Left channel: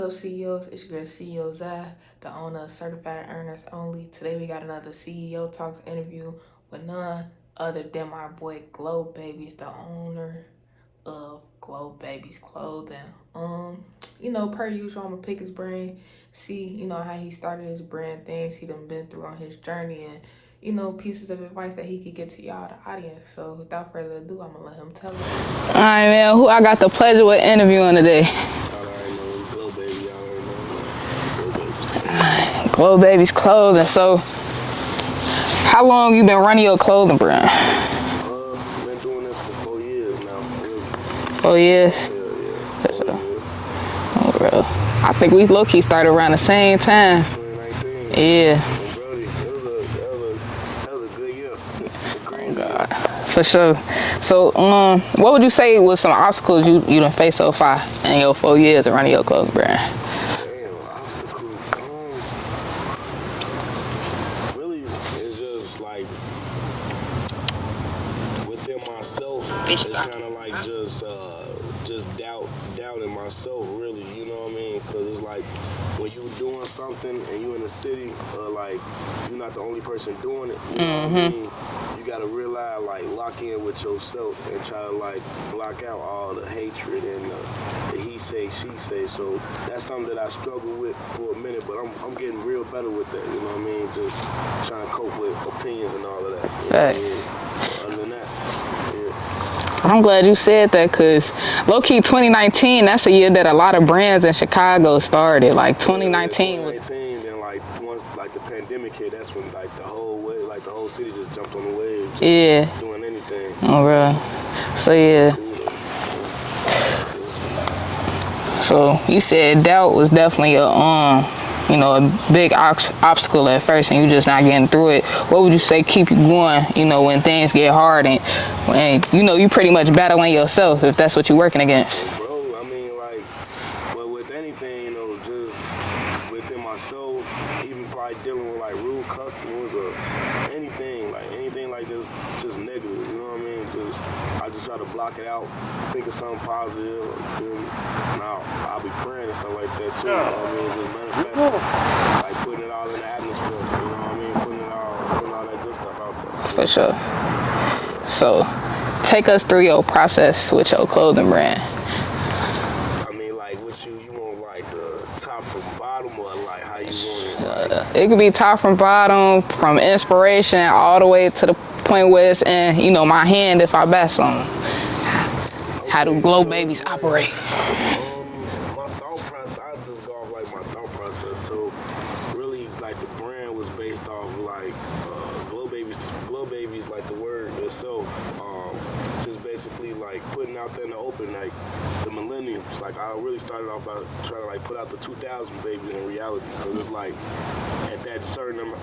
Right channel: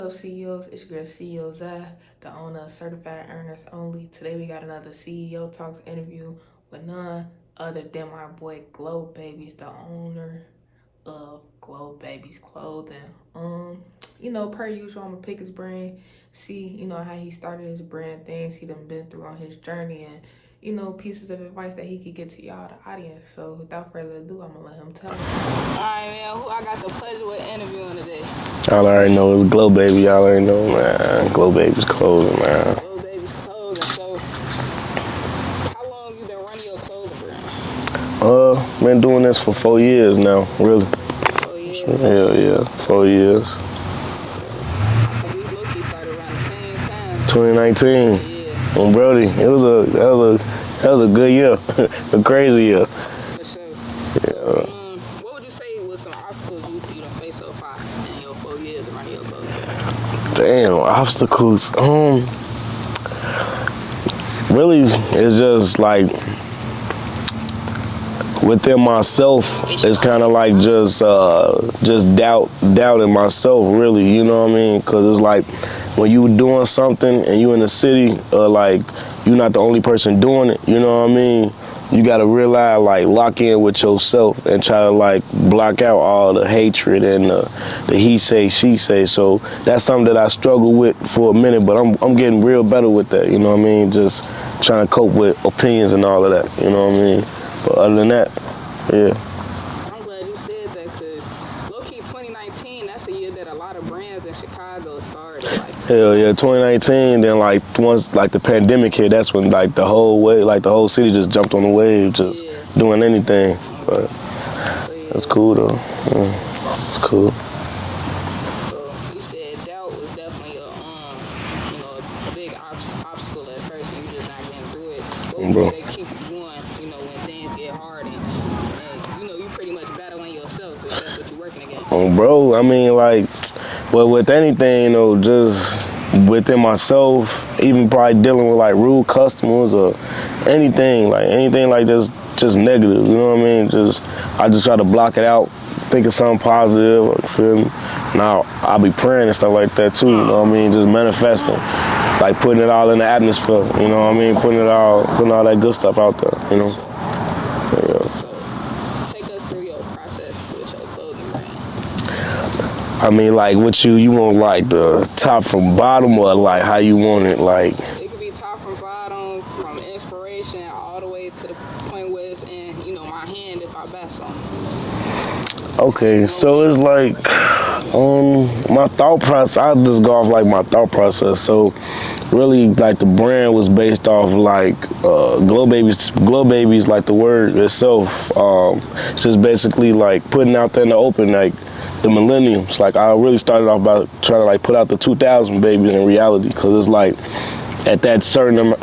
Hello CEOs, it's your girl CEO Zai, the owner of Certified Earners Only. Today we got another CEO Talks interview with none other than my boy Globabies, the owner of Globabies Clothing. Per usual, I'm gonna pick his brain, see, how he started his brand, things he done been through on his journey, and pieces of advice that he could get to y'all, the audience. So without further ado, I'm gonna let him tell us. All right, man. Who I got the pleasure with interviewing today? Y'all already know it's Globaby. Y'all already know, man. Globabies Clothing, man. Globabies Clothing. So, how long you been running your clothing brand? Been doing this for 4 years now, really. 4 years? Yeah, 4 years. Oh, bro. I think we low-key started around the same time. 2019. Yeah. And Brody, that was a good year, a crazy year. For sure. So, what would you say was some obstacles you done faced so far in your 4 years of running your clothing brand? Damn, obstacles. Really, it's just like within myself. It's kind of like just doubting myself, really. You know what I mean? Because it's like when you doing something and you in the city, like you're not the only person doing it. You know what I mean? You gotta realize, like, lock in with yourself and try to, like, block out all the hatred and the he say, she say. So that's something that I struggled with for a minute, but I'm getting real better with that. You know what I mean? Just trying to cope with opinions and all of that. You know what I mean? But other than that, yeah. I'm glad you said that, because low-key 2019, that's a year that a lot of brands in Chicago started, like 2019. Yeah, 2019, then like once like the pandemic hit, that's when like the whole way, like the whole city just jumped on the wave, just doing anything. Oh, bro. So yeah. It's cool though. Yeah. It's cool. So you said doubt was definitely a big obstacle at first, and you just not getting through it. What would you say keep you going, when things get hard and you pretty much battling yourself, if that's what you're working against? Oh, bro, I mean, like, well, with anything, just within myself, even probably dealing with like rude customers or anything like this, just negative, you know what I mean? I just try to block it out, think of something positive, you feel me? Now, I'll be praying and stuff like that too, you know what I mean? Just manifesting, like putting it all in the atmosphere, you know what I mean? Putting all that good stuff out there. You know? For sure. Yeah. So, take us through your process with your clothing brand. I mean, like, what you want, like, the top from bottom, or, like, how you want it, like? It could be top from bottom, from inspiration, all the way to the point where it's in, my hand if I buy something. Okay, so it's like, my thought process, I'll just go off, like, my thought process. So, really, like, the brand was based off, like, Globabies, like, the word itself. It's just basically, like, putting out there in the open, like, the millenniums. Like, I really started off by trying to, like, put out the 2000 babies in reality, because it's like at that certain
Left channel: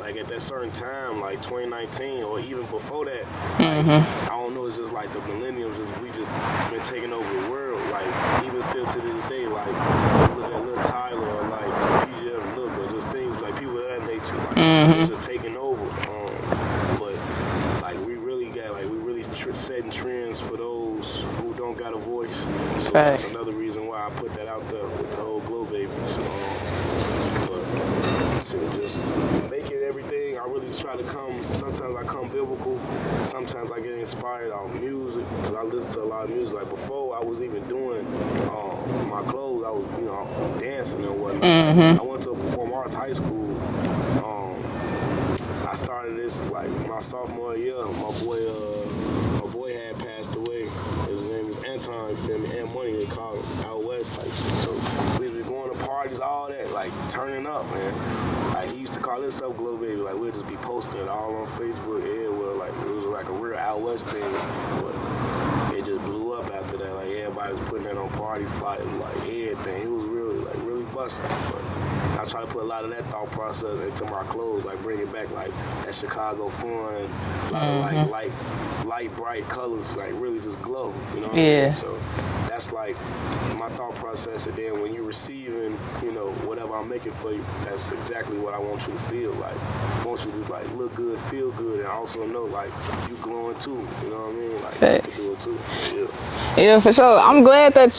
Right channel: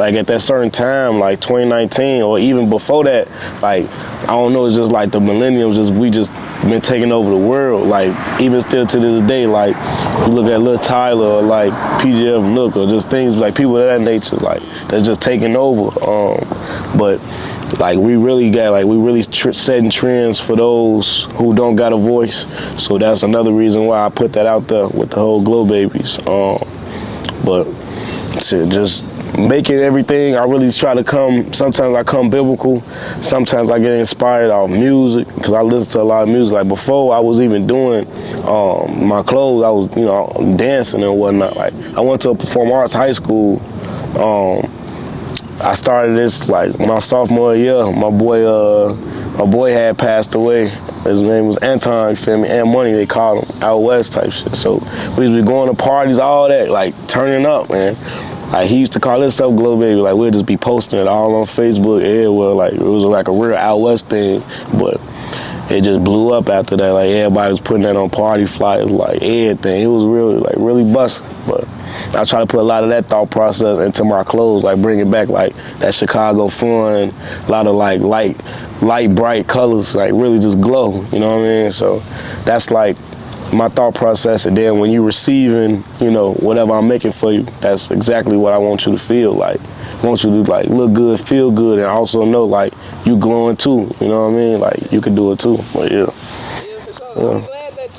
time, like 2019 or even before that, like I don't know, it's just like the millenniums, we just been taking over the world. Like, even still to this day, like you look at Lil Tyler or like PGF Look or just things like people of that nature, like they're just taking over. But like we really setting trends for those who don't got a voice. So that's another reason why I put that out there with the whole Globabies. But just making everything, I really try to sometimes I come biblical, sometimes I get inspired off music, because I listen to a lot of music. Like, before I was even doing my clothes, I was, dancing and whatnot. Like, I went to a performing arts high school. I started this, like, my sophomore year. My boy had passed away. His name was Anton, you feel me? And Money, they called him, out west type shit. So we used to be going to parties, all that, like, turning up, man. Like, he used to call himself Globaby. Like, we'd just be posting it all on Facebook, everywhere. Like, it was like a real out west thing. But it just blew up after that. Like, everybody was putting that on party flyers, like, everything. It was really busting. But I try to put a lot of that thought process into my clothes, like bringing back like that Chicago fun, a lot of like light, bright colors, like really just glow, you know what I mean? So that's like my thought process. And then when you're receiving, whatever I'm making for you, that's exactly what I want you to feel like. I want you to like look good, feel good, and also know like you glowing too, you know what I mean? Like you can do it too, but yeah. Yeah, for sure. Yeah. I'm glad that,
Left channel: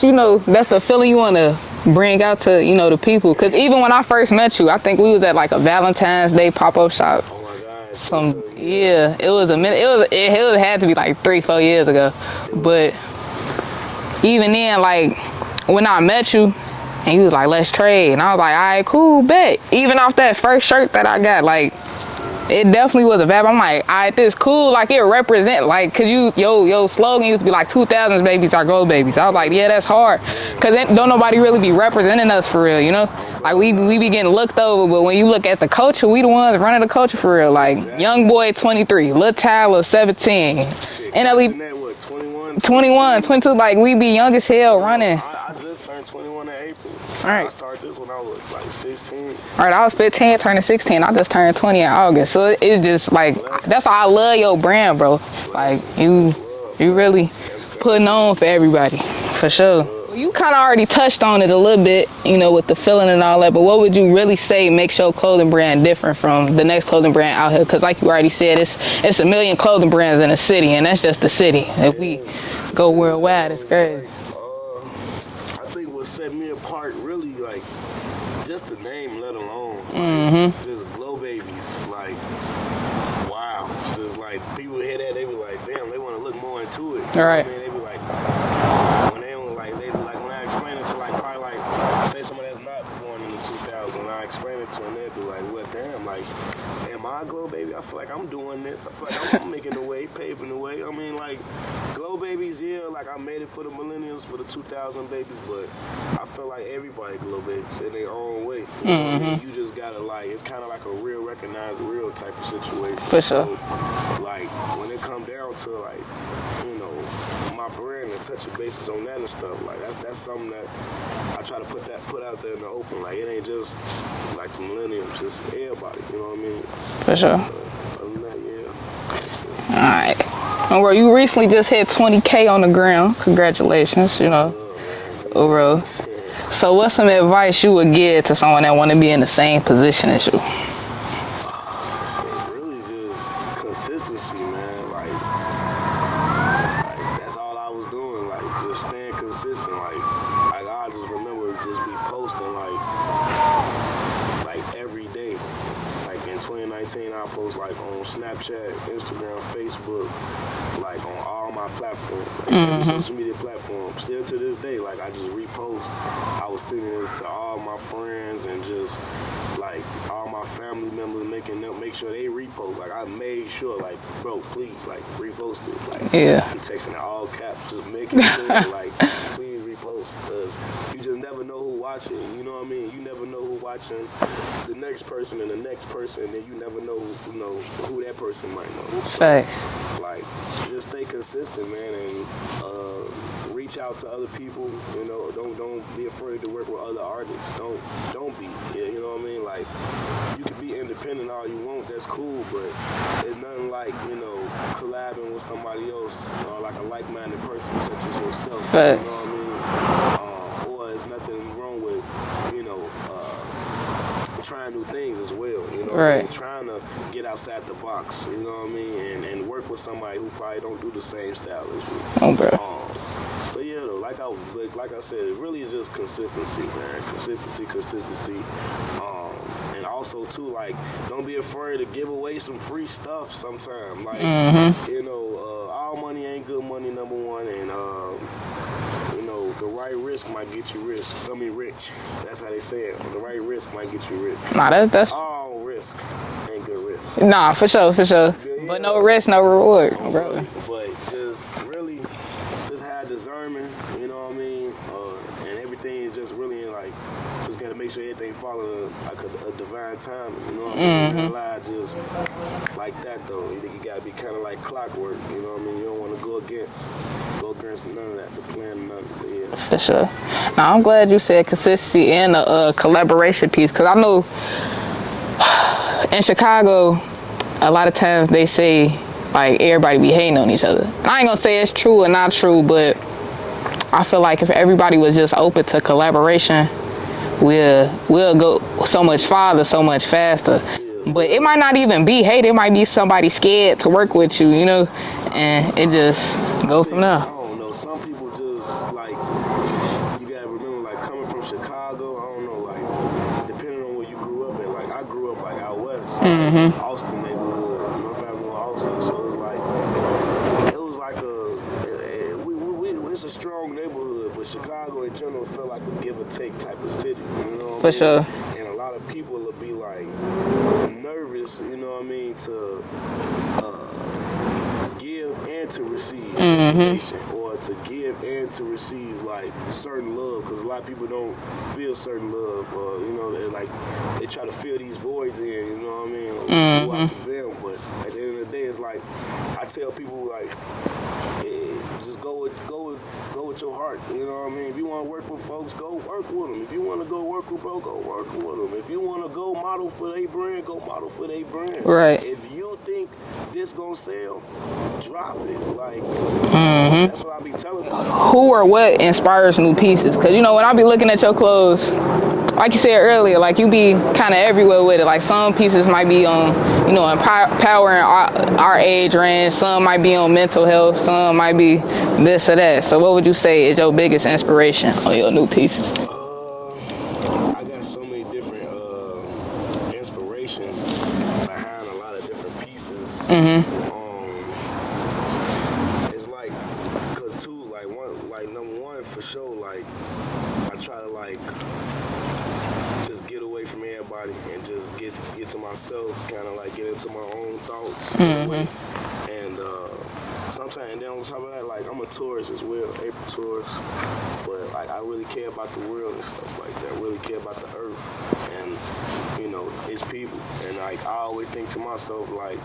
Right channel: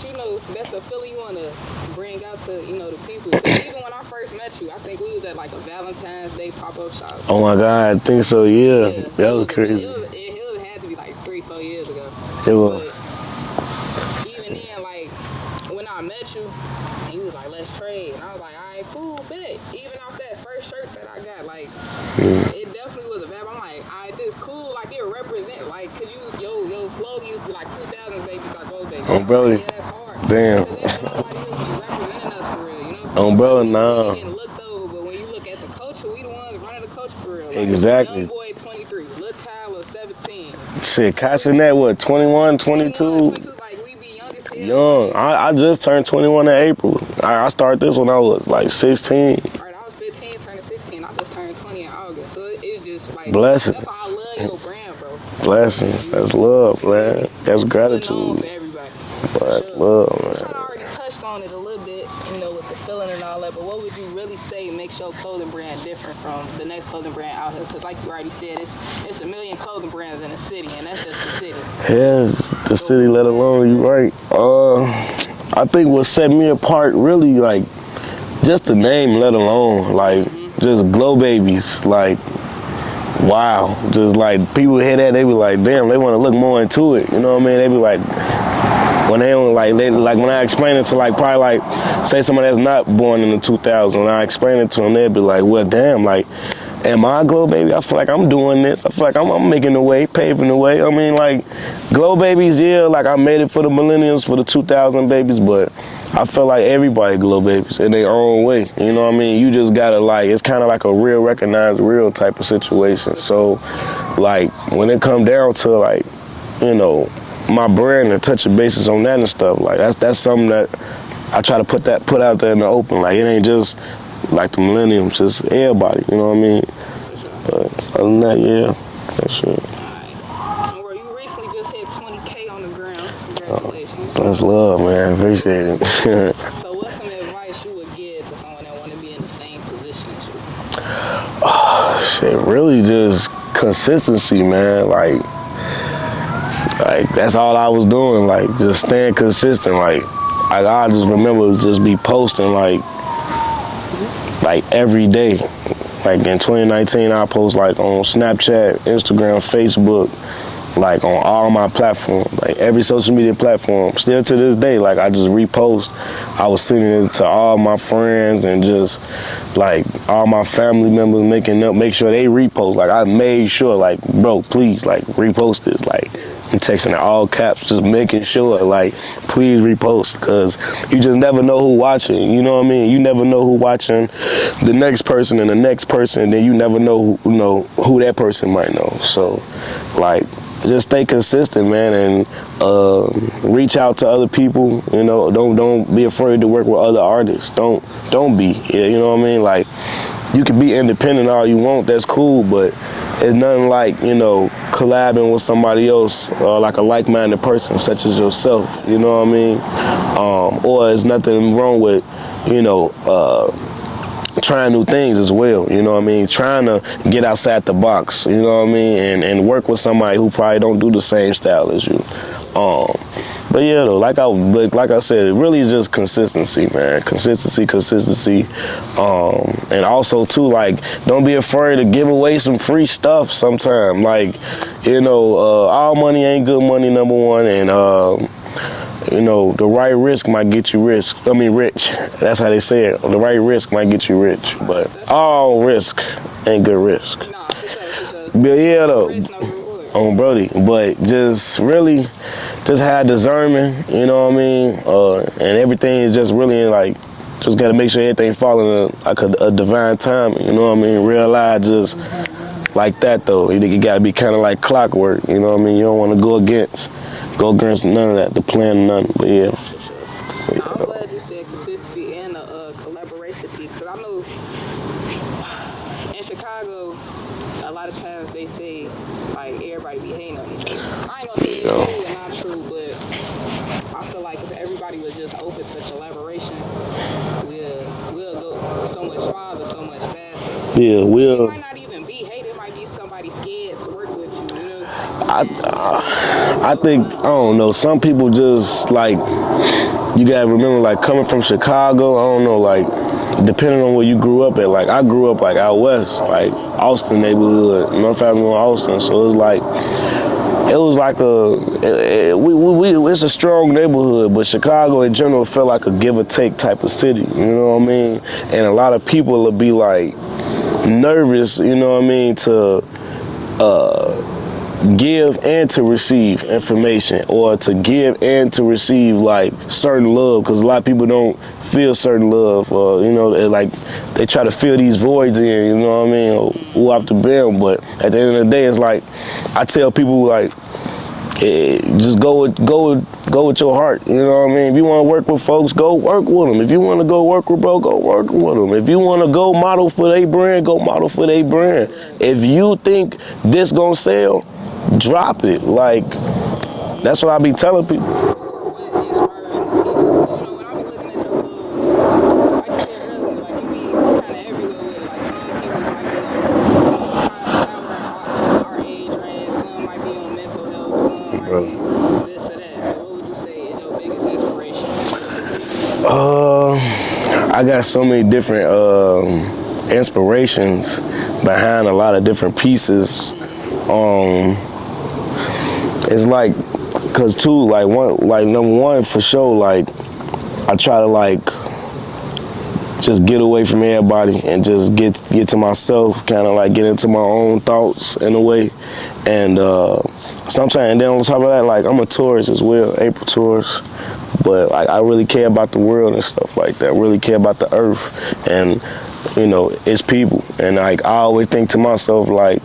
that's the feeling you want to bring out to, you know, the people? Because even when I first met you, I think we was at like a Valentine's Day pop-up shop. Oh my God, I think so. Yeah. Yeah, it was a minute. It had to be like 3-4 years ago. But even then, like when I met you, and he was like, let's trade. And I was like, all right, cool, bet. Even off that first shirt that I got, like, it definitely was a vibe. I'm like, all right, this cool. Like, it represent, like, cause your slogan used to be like 2000s babies are Globabies. I was like, yeah, that's hard. Damn. Cause don't nobody really be representing us for real, you know? Like, we be getting looked over, but when you look at the culture, we the ones running the culture for real. Like, young boy 23, Lil Tyler 17. Shit, Cassin that what, 21, 22, like, we be young as hell running. I just turned 21 in April. I started this when I was like 16. All right, I was 15, turning 16. I just turned 20 in August. So it's just like, Blessings. That's why I love your brand, bro. Blessings. Like, that's love. You really that's putting on for everybody, for sure. Love, you kind of already touched on it a little bit, you know, with the feeling and all that, but what would you really say makes your clothing brand different from the next clothing brand out here? Because like you already said, it's a million clothing brands in the city, and that's just the city. Yes, the city, let alone you right. I think what set me apart really, like, just the name, let alone, like, just Globabies, like, wow. Just, like, people hear that, they be like, damn, they want to look more into it. You know what I mean? They be like, when they don't, like, when I explain it to, like, probably, like, say somebody that's not born in the 2000s, when I explain it to them, they'd be like, well, damn, like, am I a Globaby? I feel like I'm doing this. I feel like I'm making the way, paving the way. I mean, like, Globabies, yeah, like, I made it for the millennials, for the 2000 babies, but I feel like everybody Globabies in their own way. You know what I mean? You just gotta, like, it's kind of like a real recognized real type of situation. For sure. So, like, when it come down to, like, you know, my brand and touching bases on that and stuff, like, that's something that I try to put out there in the open. Like, it ain't just like the millenniums, it's everybody, you know what I mean? For sure. But other than that, yeah, for sure. All right. And where you recently just hit 20K on the ground. Congratulations. That's love, man. Appreciate it. So what's some advice you would give to someone that want to be in the same position as you? Oh, shit, really just consistency, man. Like that's all I was doing, like, just staying consistent. Like I just remember just be posting, like every day. Like in 2019, I post like on Snapchat, Instagram, Facebook, like on all my platforms, like every social media platform. Still to this day, like I just repost. I was sending it to all my friends and just like all my family members, make sure they repost. Like I made sure, like, bro, please, like, repost this. Like, I'm texting in all caps, just making sure, like, please repost, because you just never know who watching. You know what I mean? You never know who watching the next person and the next person, and then you never know who that person might know. So, like, just stay consistent, man, and reach out to other people. You know, don't be afraid to work with other artists. Don't be. You know what I mean? Like, you can be independent all you want. That's cool, but it's nothing like, you know, collabing with somebody else, like a like-minded person such as yourself. You know what I mean? Or there's nothing wrong with, you know, trying new things as well, you know what I mean? Trying to get outside the box, you know what I mean? And work with somebody who probably don't do the same style as you. But yeah, though, like I said, it really is just consistency, man. Consistency. And also too, like, don't be afraid to give away some free stuff sometime. Like, you know, all money ain't good money, number one, and you know, the right risk might get you rich. That's how they say it. The right risk might get you rich. Nah, that's all risk ain't good risk. Nah, for sure. But yeah, no risk, no reward. Brody. But just really, just have discernment, you know what I mean? And everything is just really like, just gotta make sure everything falling like a divine timing, you know what I mean? Realize just like that though. You gotta be kind of like clockwork, you know what I mean? You don't want to go against none of that, the plan, none, but yeah. For sure. Now, I'm glad you said consistency and the collaboration piece, because I know in Chicago, a lot of times they say, like, everybody be hating on each other. I ain't gonna say it's true or not true, but I feel like if everybody was just open to collaboration, we'll go so much farther, so much faster. But it might not even be hate. It might be somebody scared to work with you, you know? And it just I don't know. Some people just, like, you gotta remember, like, coming from Chicago, I don't know, like, depending on where you grew up at, like, I grew up, like, out west, like, Austin neighborhood, North Avenue, Austin, so it was like it's a strong neighborhood, but Chicago in general felt like a give or take type of city, you know what I mean? Sure. And a lot of people will be like nervous, you know what I mean, to give and to receive information, or to give and to receive like certain love, because a lot of people don't feel certain love, or you know, like they try to fill these voids in, you know what I mean, or go out the brim. But at the end of the day, it's like I tell people, like, just go with your heart, you know what I mean? If you want to work with folks, go work with them. If you want to go work with bro, go work with them. If you want to go model for their brand, go model for their brand. Right. If you think this gonna sell, drop it. Like, that's what I be telling people. Who or what inspires new pieces? Because, you know, when I be looking at your clothes, like you said earlier, like you be kind of everywhere with it. Like some pieces might be on, you know, empowering our age range. Some might be on mental health. Some might be this or that. So what would you say is your biggest inspiration for your new pieces? I got so many different inspirations behind a lot of different pieces. It's like, cause too, like number one for sure, like I try to like just get away from everybody and just get to myself, kind of like get into my own thoughts in a way. And sometimes, and then on top of that, like I'm a tourist as well, April tourist, but like I really care about the world and stuff like that. Really care about the earth, and you know, it's people. And like I always think to myself, like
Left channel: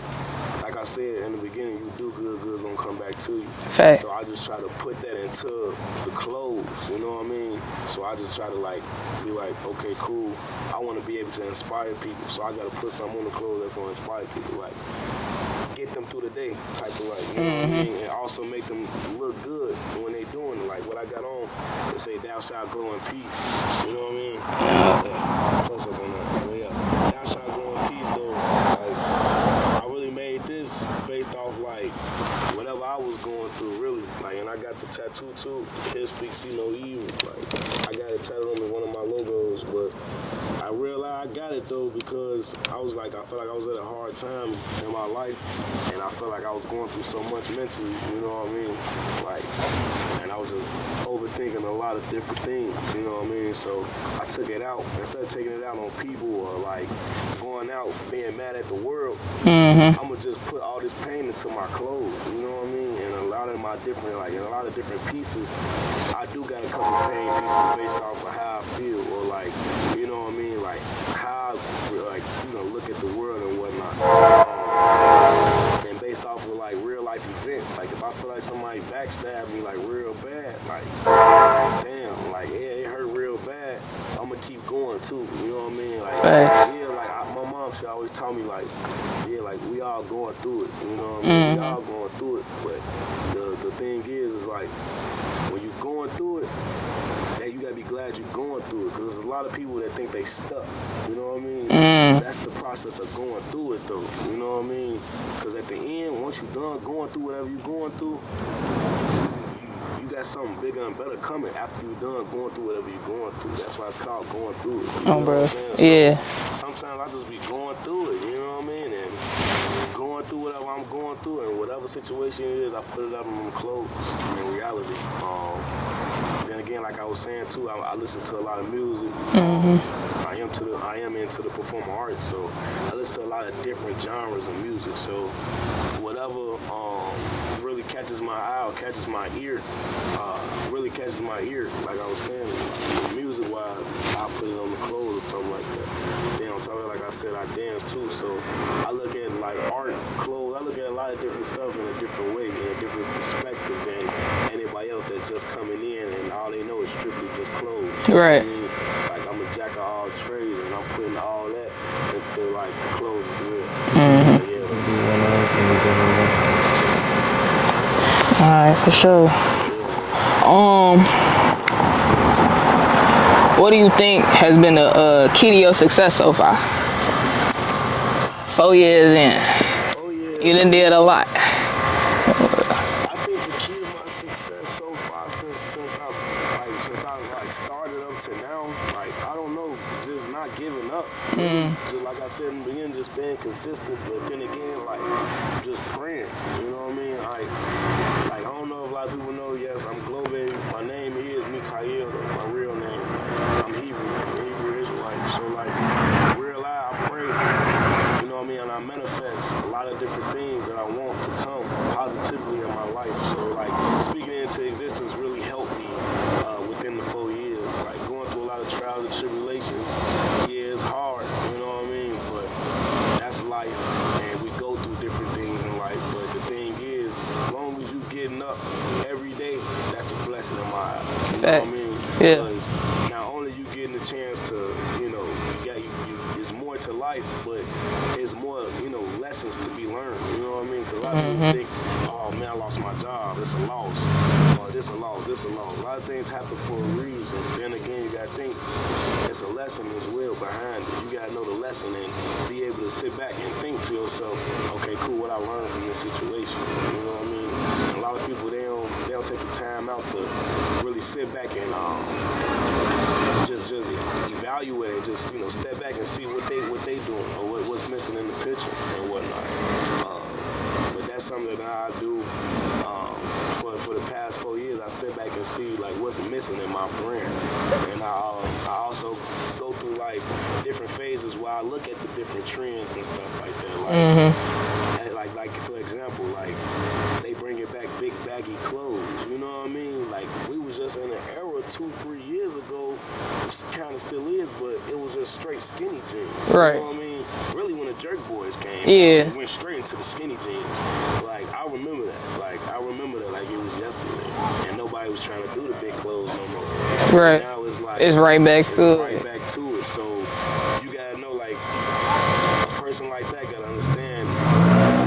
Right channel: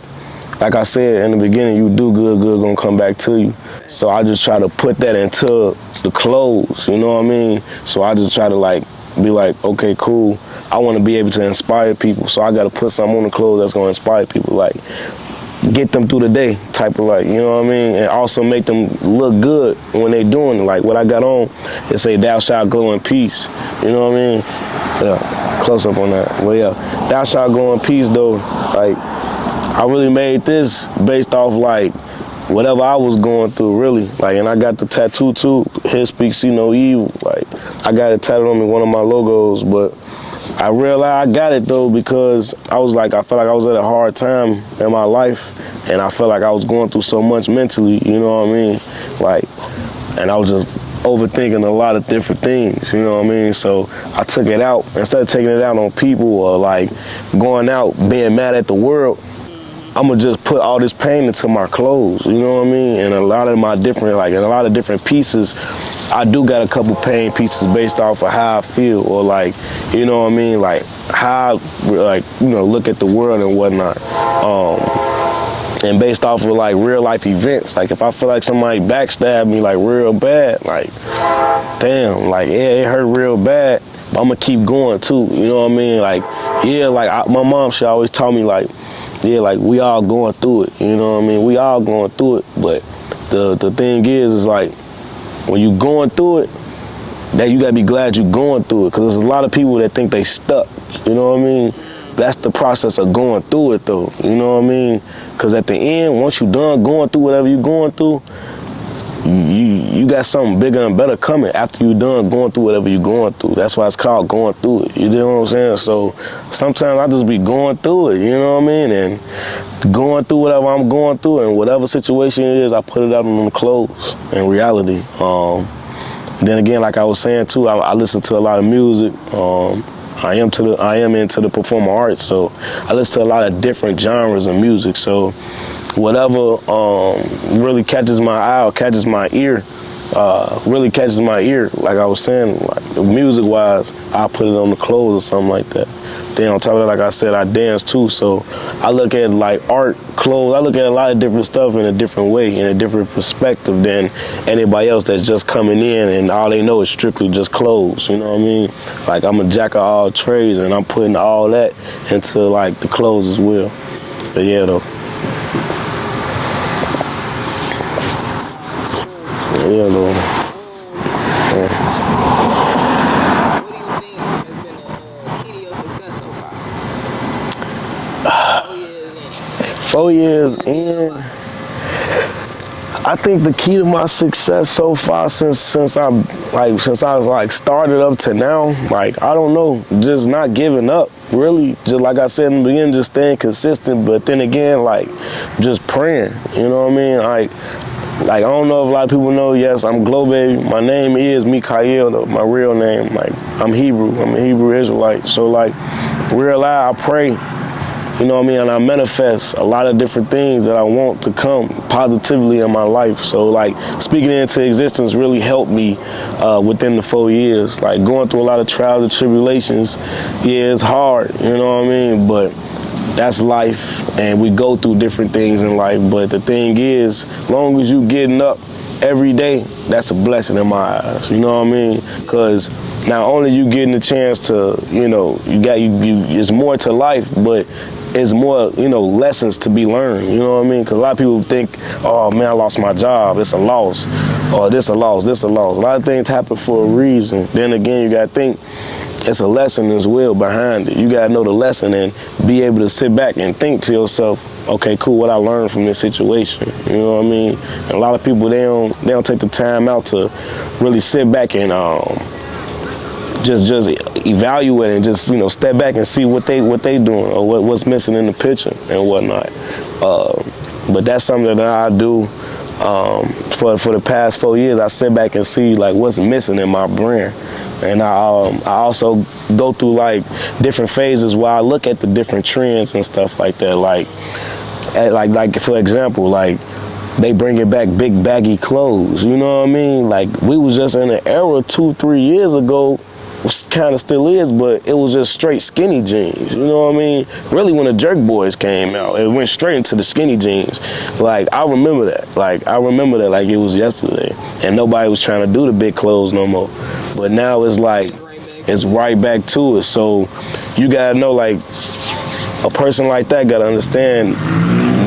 I said in the beginning, you do good, good gonna come back to you. Fact. So I just try to put that into the clothes, you know what I mean? So I just try to like be like, okay, cool. I want to be able to inspire people, so I got to put something on the clothes that's gonna inspire people, like get them through the day, type of like, you know what I mean? And also make them look good when they doing it. Like what I got on, it say, "Thou shalt glow in peace." You know what I mean? Yeah, close up on that. But yeah, "Thou shalt glow in peace," though. Like I really made this based off like whatever I was going through, really. Like, and I got the tattoo too. "Here speaks, see no evil." Like I got it tattooed on me, one of my logos, but I realized I got it though because I was like, I felt like I was at a hard time in my life, and I felt like I was going through so much mentally, you know what I mean? Like, and I was just overthinking a lot of different things, you know what I mean? So I took it out. Instead of taking it out on people or like going out being mad at the world, I'm gonna just put all this pain into my clothes, you know what I mean? And a lot of my different, like, in a lot of different pieces, I do got a couple pain pieces based off of how I feel, or like, you know what I mean? Like how I, like, you know, look at the world and whatnot. And based off of like real life events, like if I feel like somebody backstabbed me like real bad, like, damn, like, yeah, it hurt real bad, but I'm gonna keep going too, you know what I mean? Like, yeah, like my mom, she always taught me like, yeah, like we all going through it, you know what I mean? We all going through it, but the thing is like, when you going through it, that you gotta be glad you going through it, because there's a lot of people that think they stuck, you know what I mean? That's the process of going through it though, you know what I mean? Because at the end, once you done going through whatever you going through, you got something bigger and better coming after you done going through whatever you going through. That's why it's called going through it, you know what I'm saying? So sometimes I just be going through it, you know what I mean? And going through whatever I'm going through, and whatever situation it is, I put it out on the clothes in reality. Then again, like I was saying too, I listen to a lot of music. I am into the performing arts, so I listen to a lot of different genres of music. So whatever really catches my eye or catches my ear, really catches my ear, like I was saying, like music-wise, I put it on the clothes or something like that. Then on top of that, like I said, I dance too, so I look at like art, clothes, I look at a lot of different stuff in a different way, in a different perspective than anybody else that's just coming in and all they know is strictly just clothes, you know what I mean? Like I'm a jack of all trades, and I'm putting all that into like the clothes as well. But yeah, though. Alright, for sure. Yeah, though. What do you think has been the key to your success so far? 4 years in. 4 years. You done did a lot. I think the key to my success so far since I was like started up to now, like I don't know, just not giving up. Really, just like I said in the beginning, just staying consistent. But then again, like just praying. You know what I mean? Like I don't know if a lot of people know. Yes, I'm Globabie. My name is Kahel, though, my real name. Like I'm Hebrew. I'm a Hebrew Israelite. So like real life, I pray. You know what I mean? And I manifest a lot of different things that I want to come positively in my life. So like speaking it into existence really helped me within the 4 years. Like going through a lot of trials and tribulations. Yeah, it's hard, you know what I mean? But that's life, and we go through different things in life. But the thing is, as long as you getting up every day, that's a blessing in my eyes. You know what I mean? Because not only you getting a chance to, you know, it's more to life, but it's more, you know, lessons to be learned. You know what I mean? Because a lot of people think, oh man, I lost my job, it's a loss, or this a loss, this a loss. A lot of things happen for a reason. Then again, you got to think it's a lesson as well behind it. You got to know the lesson and be able to sit back and think to yourself, okay, cool, what I learned from this situation. You know what I mean? And a lot of people, they don't take the time out to really sit back and just evaluate and just, you know, step back and see what they doing or what's missing in the picture and whatnot. But that's something that I do for the past 4 years. I sit back and see like what's missing in my brand. And I also go through like different phases where I look at the different trends and stuff like that. Like for example, like they bringing back big baggy clothes. You know what I mean? Like we was just in an era 2-3 years ago, kind of still is, but it was just straight skinny jeans. Right. You know what I mean? Really, when the Jerk Boys came out, it went straight into the skinny jeans. Like I remember that. Like it was yesterday, and nobody was trying to do the big clothes no more. Right. But now it's like it's right back to it. So you gotta know, like a person like that gotta understand.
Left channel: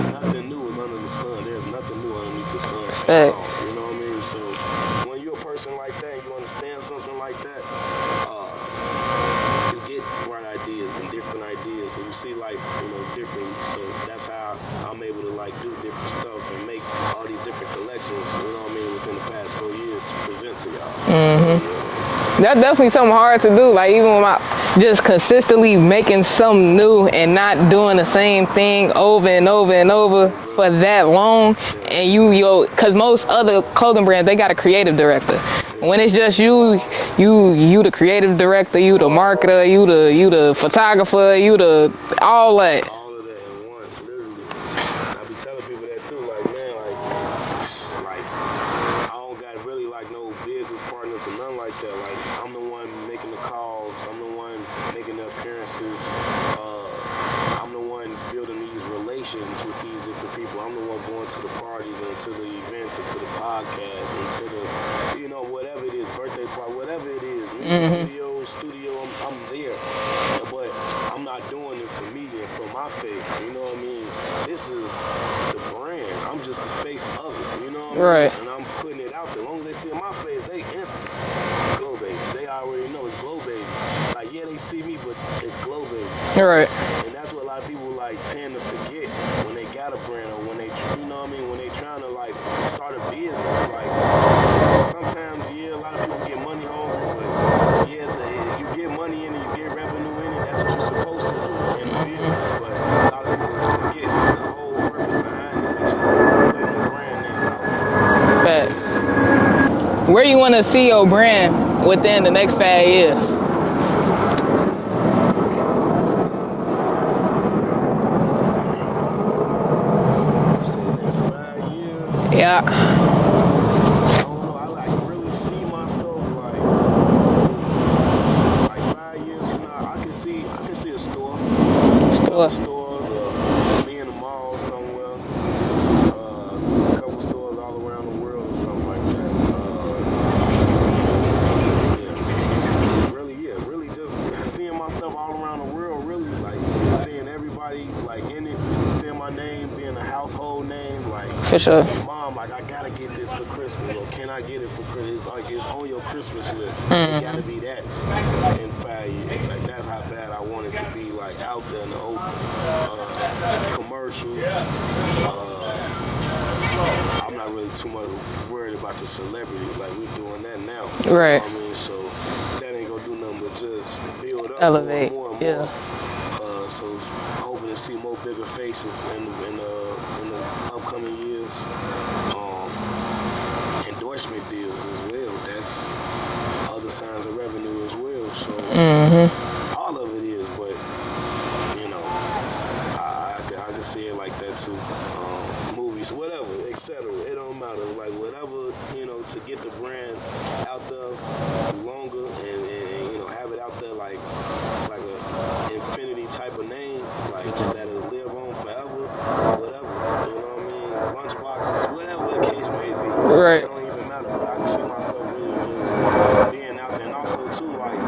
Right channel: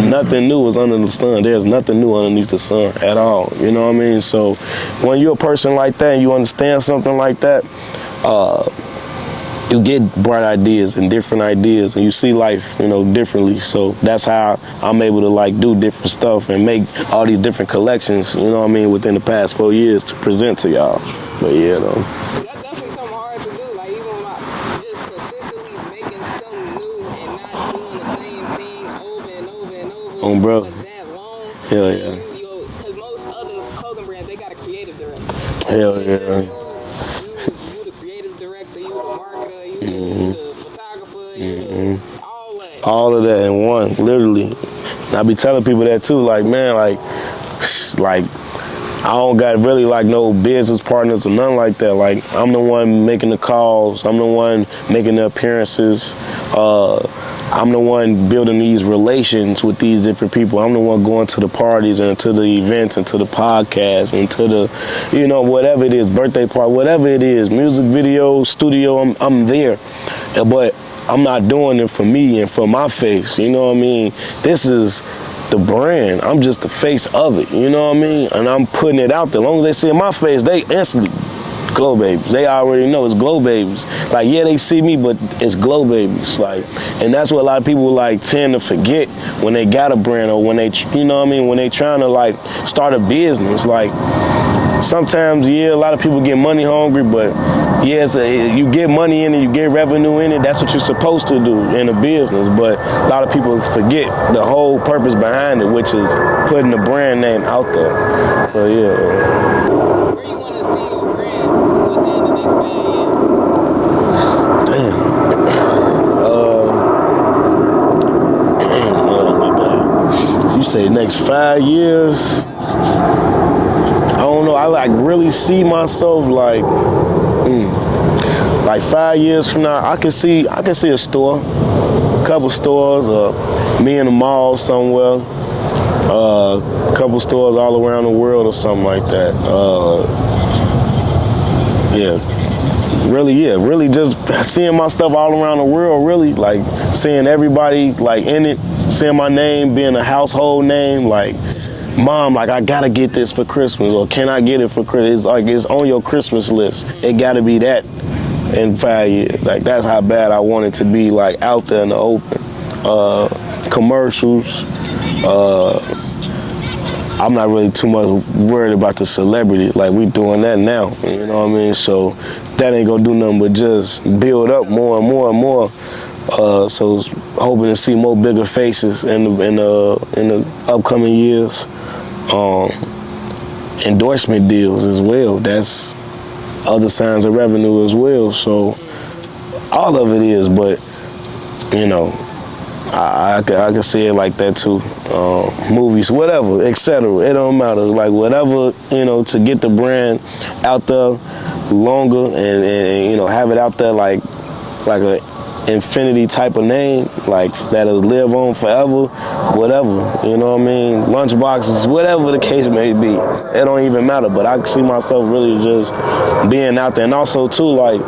Nothing new is under the sun. There's nothing new underneath the sun at all. You know what I mean? So when you're a person like that and you understand something like that, you get bright ideas and different ideas, and you see life, you know, differently. So that's how I'm able to like do different stuff and make all these different collections, you know what I mean, within the past 4 years to present to y'all. But yeah, though. That's definitely something hard to do. Like even when just consistently making something new and not doing the same thing over and over and over for that long. And you, because most other clothing brands, they got a creative director. When it's just you the creative director, you the marketer, you the photographer, you the all that. All of that in one, literally. I be telling people that too, like man, like I don't got really like no business partners or nothing like that. Like I'm the one making the calls, I'm the one making the appearances, I'm the one building these relations with these different people. I'm the one going to the parties and to the events and to the podcasts and to the, you know, whatever it is, birthday party, whatever it is, music video, studio, I'm there. But I'm not doing it for me and for my face, you know what I mean? This is the brand. I'm just the face of it, you know what I mean? Right. And I'm putting it out there. As long as they see my face, they instantly Globabies. They already know it's Globabies. Like, yeah, they see me, but it's Globabies. Right. And that's what a lot of people like tend to forget when they got a brand or when they, you know what I mean, when they trying to like start a business. Like, sometimes, yeah, a lot of people get money hungry, but yes, you get money in it, you get revenue in it, that's what you're supposed to do in a business. But a lot of people forget the whole purpose behind it, which is putting the brand name out there. So, yeah. Where you want to see your brand within the next 5 years? You say next 5 years? Yeah. I don't know. I like really see myself like 5 years from now. I can see a store, a couple stores, me in a mall somewhere. A couple stores all around the world or something like that. Really just seeing my stuff all around the world, really, like seeing everybody like in it, seeing my name being a household name, like for sure. Mom, like I gotta get this for Christmas, or can I get it for Christmas? It's like it's on your Christmas list. It gotta be that in 5 years. Like that's how bad I want it to be, like out there in the open. Commercials, I'm not really too much worried about the celebrity. Like, we doing that now. You know what I mean? So that ain't gonna do nothing but just build up more and more and more. So hoping to see more bigger faces in the upcoming years. Endorsement deals as well. That's other signs of revenue as well. So all of it is, but you know, I can see it like that too. Movies, whatever, etc. It don't matter. Like whatever, you know, to get the brand out there longer and you know, have it out there like a infinity type of name, like that'll live on forever, whatever, you know what I mean? Lunchboxes, whatever the case may be. Right. It don't even matter, but I can see myself really just being out there. And also too, like,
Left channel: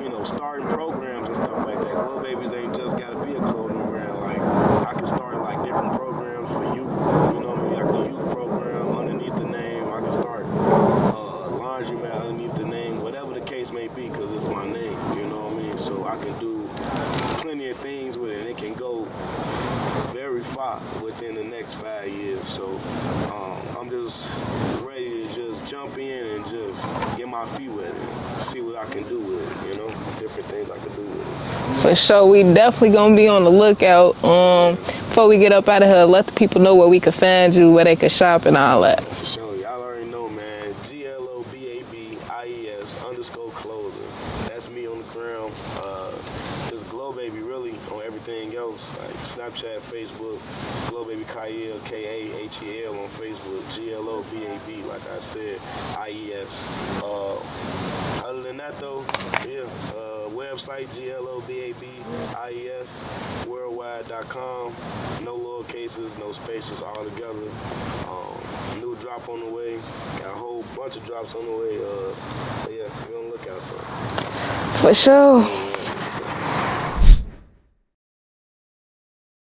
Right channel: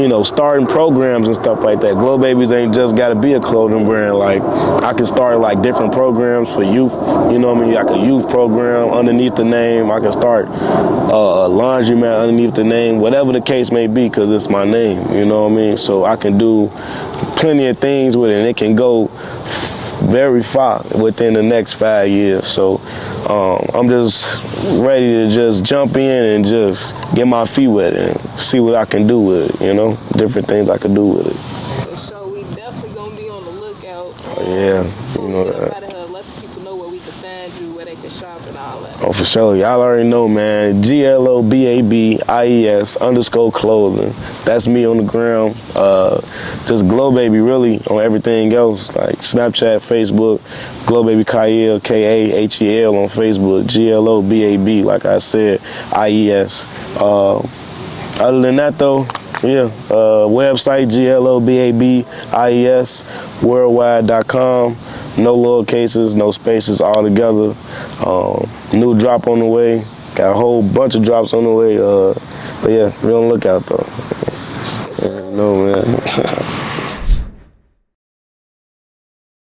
you know, starting programs and stuff like that. Globabies ain't just got to be a clothing brand. Like, I can start like different programs for youth. You know what I mean? Like a youth program underneath the name. I can start a laundromat underneath the name. Whatever the case may be, because it's my name. You know what I mean? So I can do plenty of things with it, and it can go very far within the next 5 years. So I'm just ready to just jump in and just get my feet wet and see what I can do with it, you know, different things I can do with it. For sure, we definitely gonna be on the lookout. Before we get up out of here, let the people know where we can find you, where they can shop and all that. Oh, for sure. Y'all already know, man. GLOBABIES_clothing. That's me on the ground. Just Globabie really on everything else, like Snapchat, Facebook, Globabie Kahel, Kahel on Facebook, GLOBAB, like I said, IES. Other than that, though, yeah, website, GLOBABIES, worldwide.com. No lower cases, no spaces, all together. New drop on the way. Got a whole bunch of drops on the way. But yeah, be on the lookout, though. For sure. Yeah, no, man.